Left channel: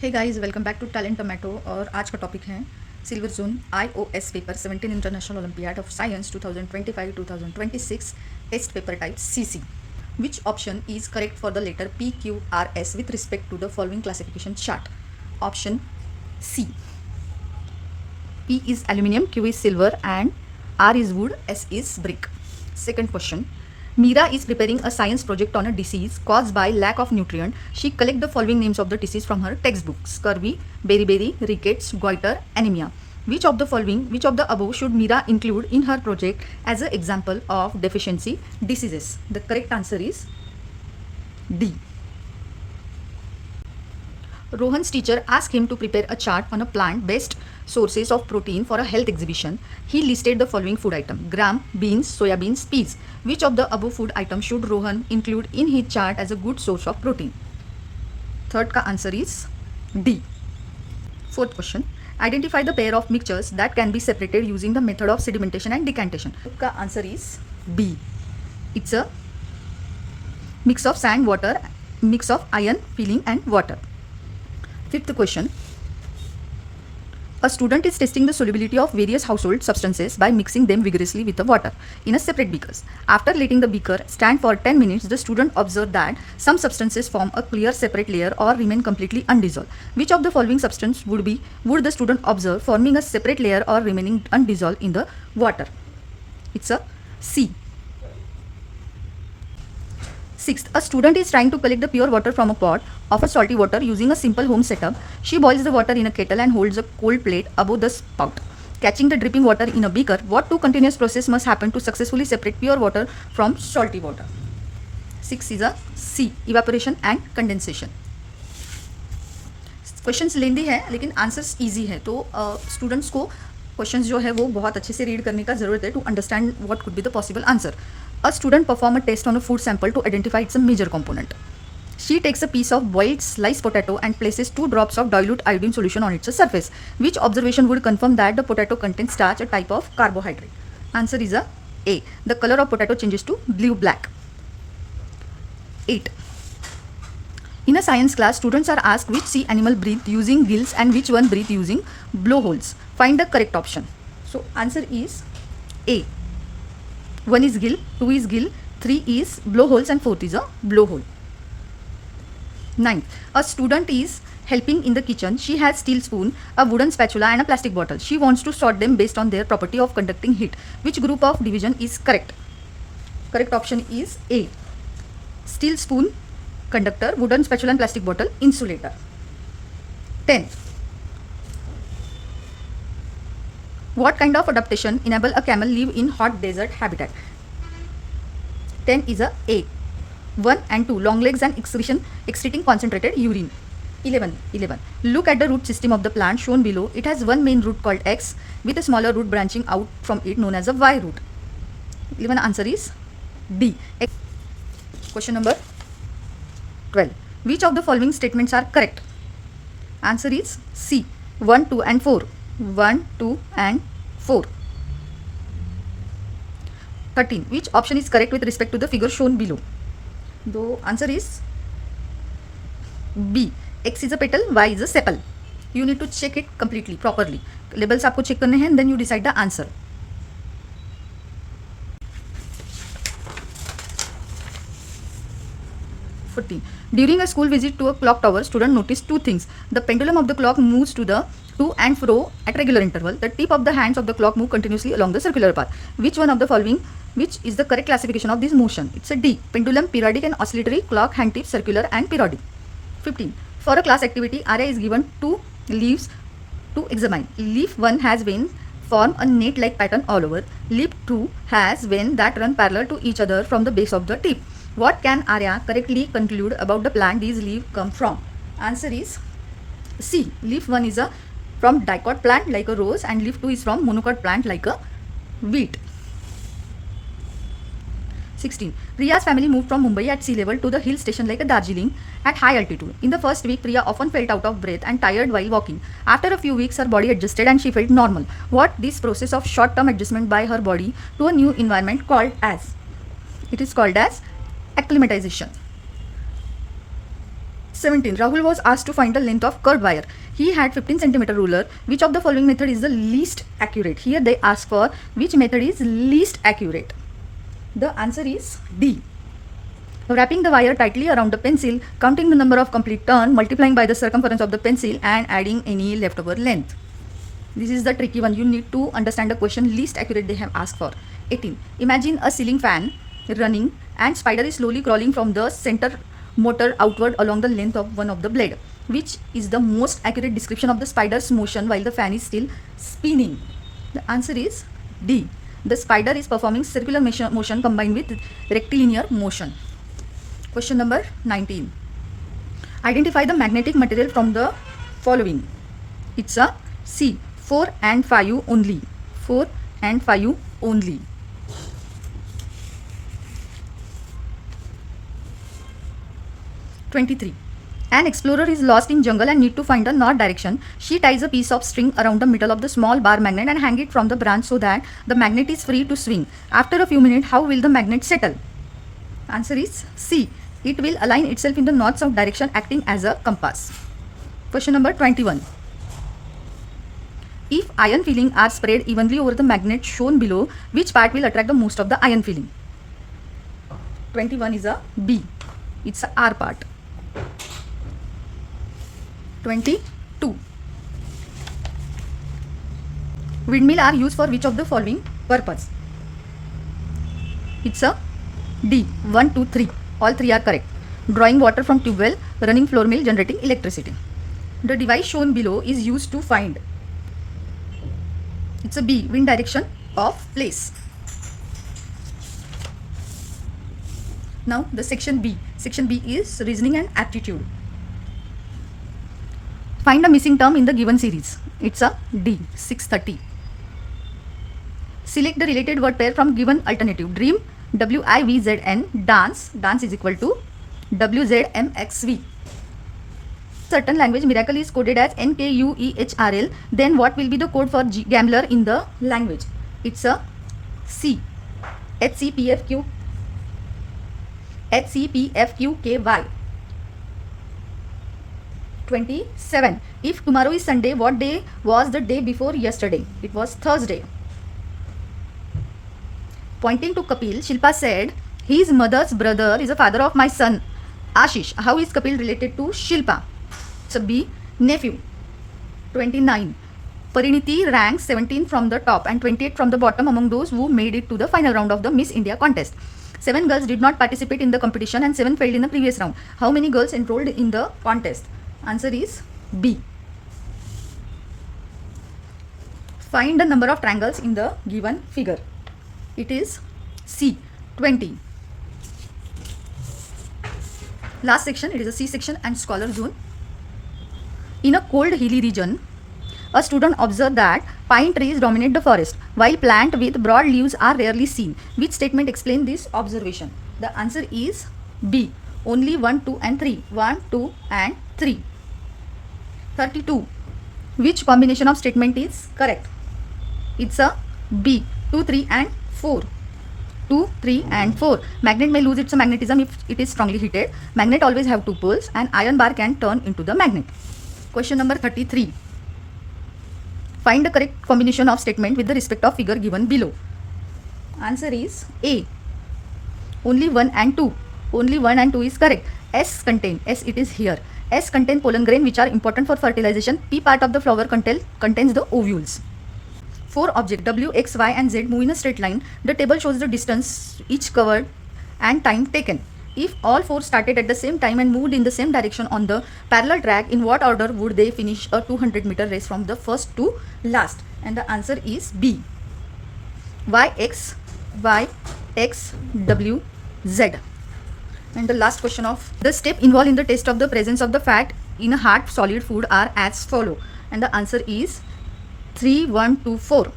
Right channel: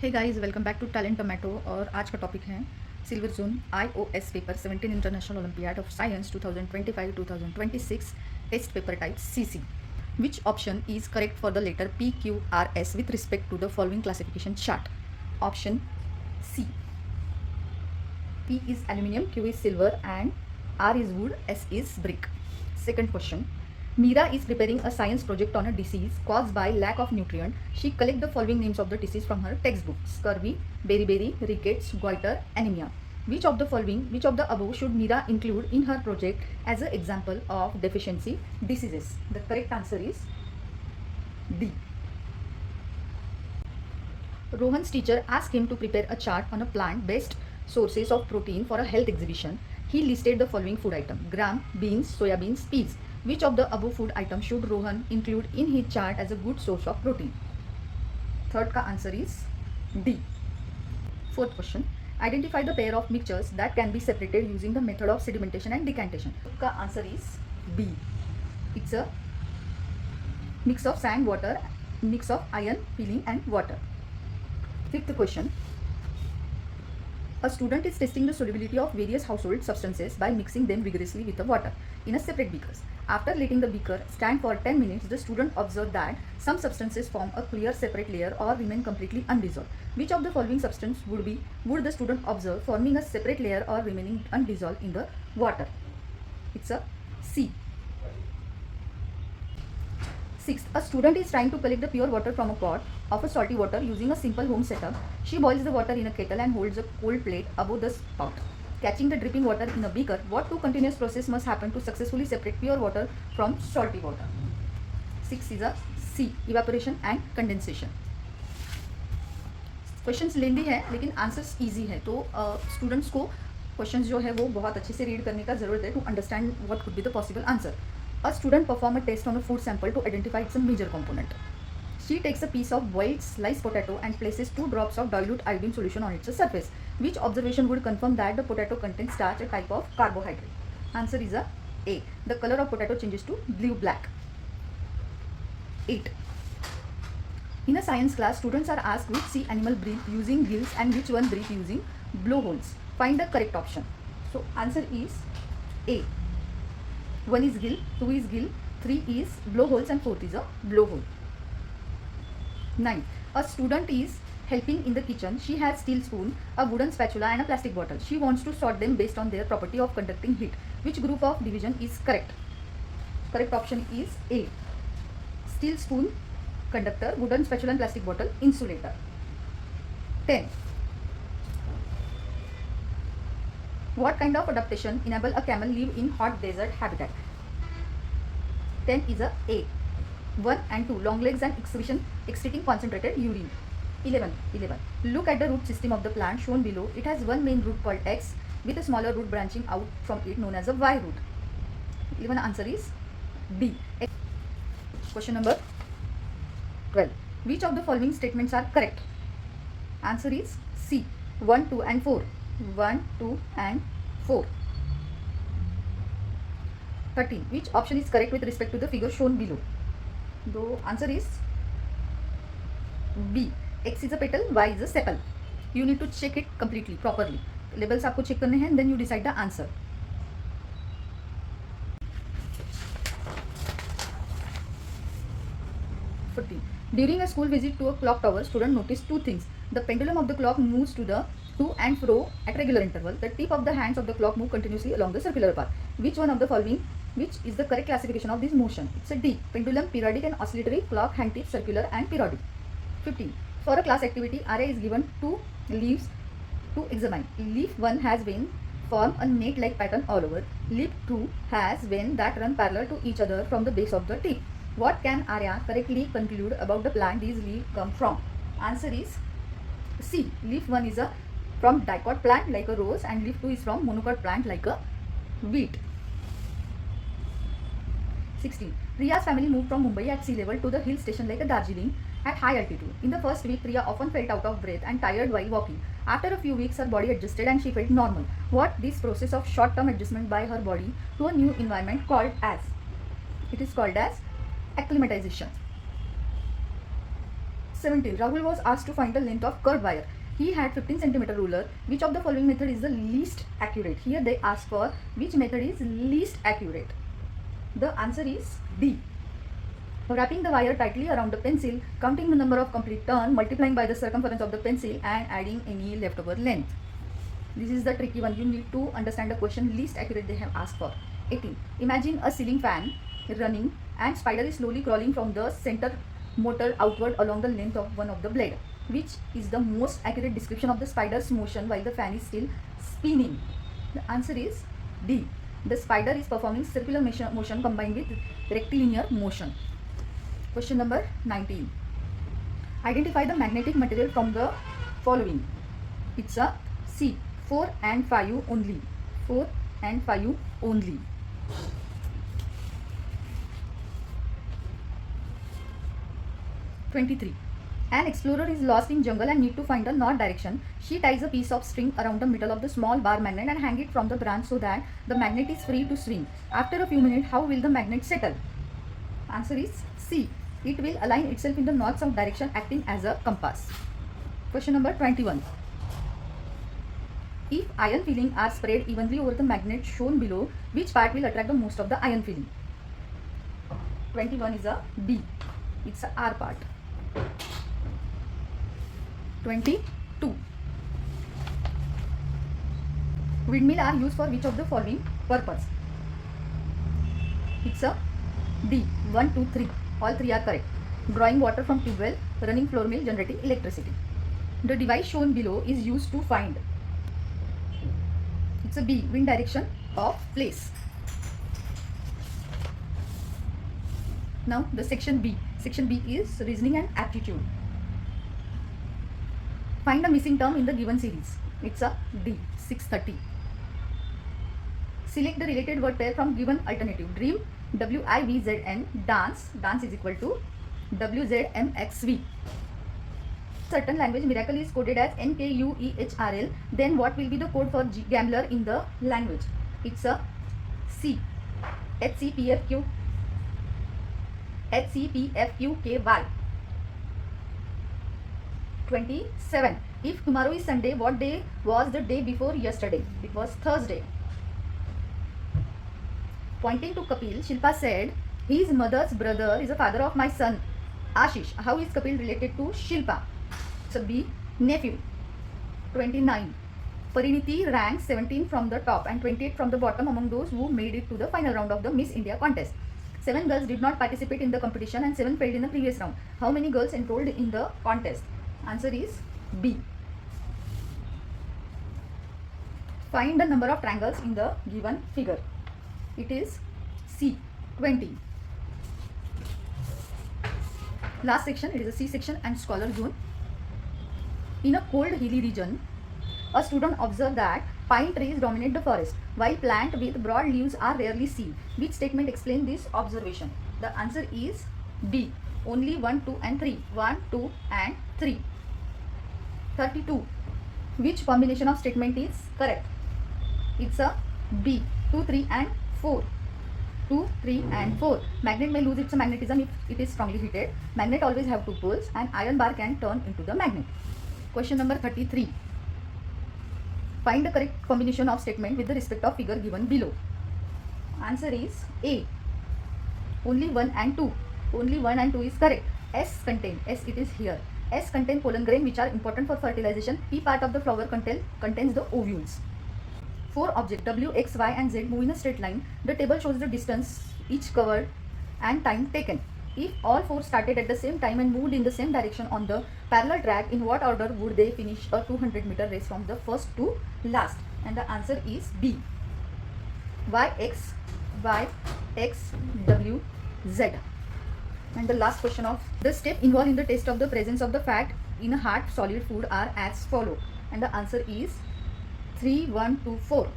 Hey guys, welcome back to Talentomato. और आज का टॉपिक है silver zone iOS paper 17 international olympiad of science 2025-2026 test paper type CC. Which option is correct for the letter PQRS with respect to the following classification chart? Option C. P is aluminium, Q is silver, and R is wood, S is brick. Second question. Meera is preparing a science project on a disease caused by lack of nutrient. She collect the following names of the disease from her textbook: scurvy, beriberi, rickets, goiter, anemia. Which of the above should Meera include in her project as an example of deficiency diseases? The correct answer is D. Rohan's teacher asked him to prepare a chart on a plant-based sources of protein for a health exhibition. He listed the following food item: gram, beans, soya beans, peas. Which of the above food items should Rohan include in his chart as a good source of protein? Third ka answer is D. Fourth question. Identify the pair of mixtures that can be separated using the method of sedimentation and decantation. Ka answer is B. It's a mix of sand, water, mix of iron, peeling and water. Fifth question. A student is testing the solubility of various household substances by mixing them vigorously with the water in a separate beakers. After letting the beaker stand for 10 minutes, the student observed that some substances form a clear separate layer or remain completely undissolved. Which of the following substance would the student observe forming a separate layer or remaining undissolved in the water? It's a C. Sixth, a student is trying to collect the pure water from a pot of a salty water using a simple home setup. She boils the water in a kettle and holds a cold plate above the spout. Catching the dripping water in a beaker, what two continuous processes must happen to successfully separate pure water from salty water? 6 is a C, evaporation and condensation. Questions लेंदी है लेकिन answers easy है, तो students को questions जो है वो बहुत अच्छे से रीड करने का ज़रूरत है to understand what could be the possible answer. A student perform a test on a food sample to identify its major component. She takes a piece of boiled sliced potato and places 2 drops of dilute iodine solution on its surface. Which observation would confirm that the potato contains starch, a type of carbohydrate? Answer is A. The color of potato changes to blue-black. 8. In a science class, students are asked which sea animal breathe using gills and which one breathe using blowholes. Find the correct option. So answer is A. 1 is gill, 2 is gill, 3 is blowholes and 4th is a blowhole. 9. A student is helping in the kitchen. She has steel spoon, a wooden spatula and a plastic bottle. She wants to sort them based on their property of conducting heat. Which group of division is correct? Correct option is A. Steel spoon, conductor, wooden spatula and plastic bottle, insulator. 10. What kind of adaptation enable a camel live in hot desert habitat? 10 is a A. 1 and 2, long legs and excreting concentrated urine. 11. Look at the root system of the plant shown below. It has one main root called X with a smaller root branching out from it known as a Y root. 11 answer is D. Question number 12. Which of the following statements are correct? Answer is C. 1, 2 and 4. 1, 2 and 4. 13. Which option is correct with respect to the figure shown below? The answer is B. X is a petal, Y is a sepal. You need to check it completely, properly. Labels आपको check करने हैं, then you decide the answer. 14. During a school visit to a clock tower, student noticed two things. The pendulum of the clock moves to and fro at regular interval. The tip of the hands of the clock move continuously along the circular path. Which one of the following, which is the correct classification of this motion? It's a D. Pendulum, periodic and oscillatory, clock, hand tip, circular and periodic. 15. For a class activity, Arya is given 2 leaves to examine. Leaf 1 has veins form a net-like pattern all over. Leaf 2 has veins that run parallel to each other from the base of the tip. What can Arya correctly conclude about the plant these leaves come from? Answer is C. Leaf 1 is from dicot plant like a rose and leaf 2 is from monocot plant like a wheat. 16. Priya's family moved from Mumbai at sea level to the hill station like a Darjeeling at high altitude. In the first week, Priya often felt out of breath and tired while walking. After a few weeks, her body adjusted and she felt normal. What this process of short-term adjustment by her body to a new environment called as? It is called as acclimatization. 17. Rahul was asked to find the length of curved wire. He had 15 centimeter ruler. Which of the following method is the least accurate? Here they ask for which method is least accurate. The answer is D. Wrapping the wire tightly around the pencil, counting the number of complete turn, multiplying by the circumference of the pencil and adding any leftover length. This is the tricky one. You need to understand the question least accurate they have asked for. 18. Imagine a ceiling fan running and spider is slowly crawling from the center motor outward along the length of one of the blade. Which is the most accurate description of the spider's motion while the fan is still spinning? The answer is D. The spider is performing circular motion combined with rectilinear motion. Question number 19. Identify the magnetic material from the following. It's a C. 4 and 5 only. 4 and 5 only. (23) An explorer is lost in jungle and need to find the north direction. She ties a piece of string around the middle of the small bar magnet and hang it from the branch so that the magnet is free to swing. After a few minutes, how will the magnet settle? Answer is C. It will align itself in the north-south direction, acting as a compass. Question number 21. If iron filling are spread evenly over the magnet shown below, which part will attract the most of the iron filling? 21 is a B. It's a R part. 22. Windmill are used for which of the following purpose? It's a D. 1, 2, 3. All three are correct. Drawing water from tube well, running floor mill, generating electricity. The device shown below is used to find. It's a B. Wind direction of place. Now the section B. Section B is reasoning and aptitude. Find a missing term in the given series. It's a D. 630. Select the related word pair from given alternative. Dream, WIVZN. Dance, dance is equal to WZMXV. Certain language miracle is coded as NKUEHRL. Then what will be the code for gambler in the language? It's a C. HCPFQ. HCPFQKY. 27. If tomorrow is Sunday, what day was the day before yesterday? It was Thursday. Pointing to Kapil, Shilpa said, his mother's brother is the father of my son, Ashish. How is Kapil related to Shilpa? It's a B. Nephew. 29. Pariniti ranks 17 from the top and 28 from the bottom among those who made it to the final round of the Miss India contest. 7 girls did not participate in the competition and 7 failed in the previous round. How many girls enrolled in the contest? Answer is B. Find the number of triangles in the given figure. It is C. 20. Last section, it is a C section and scholar zone. In a cold hilly region, a student observed that pine trees dominate the forest, while plants with broad leaves are rarely seen. Which statement explains this observation? The answer is B. Only 1, 2 and 3. 1, 2 and 3. 32. Which combination of statement is correct? It's a B. 2, 3 and 4. 2, 3 and 4. Magnet may lose its magnetism if it is strongly heated. Magnet always have 2 poles and iron bar can turn into the magnet. Question number 33. Find the correct combination of statement with the respect of figure given below. Answer is A. Only 1 and 2. Only 1 and 2 is correct. S contain. S it is here. S contain pollen grain which are important for fertilization. P part of the flower contains the ovules. 4 objects W, X, Y and Z move in a straight line. The table shows the distance each covered and time taken. If all 4 started at the same time and moved in the same direction on the parallel track, in what order would they finish a 200-meter race from the first to last? And the answer is B. Y, X, W, Z. And the last question of the step involved in the test of the presence of the fat in a hard solid food are as follow. And the answer is 3, 1, 2, 4.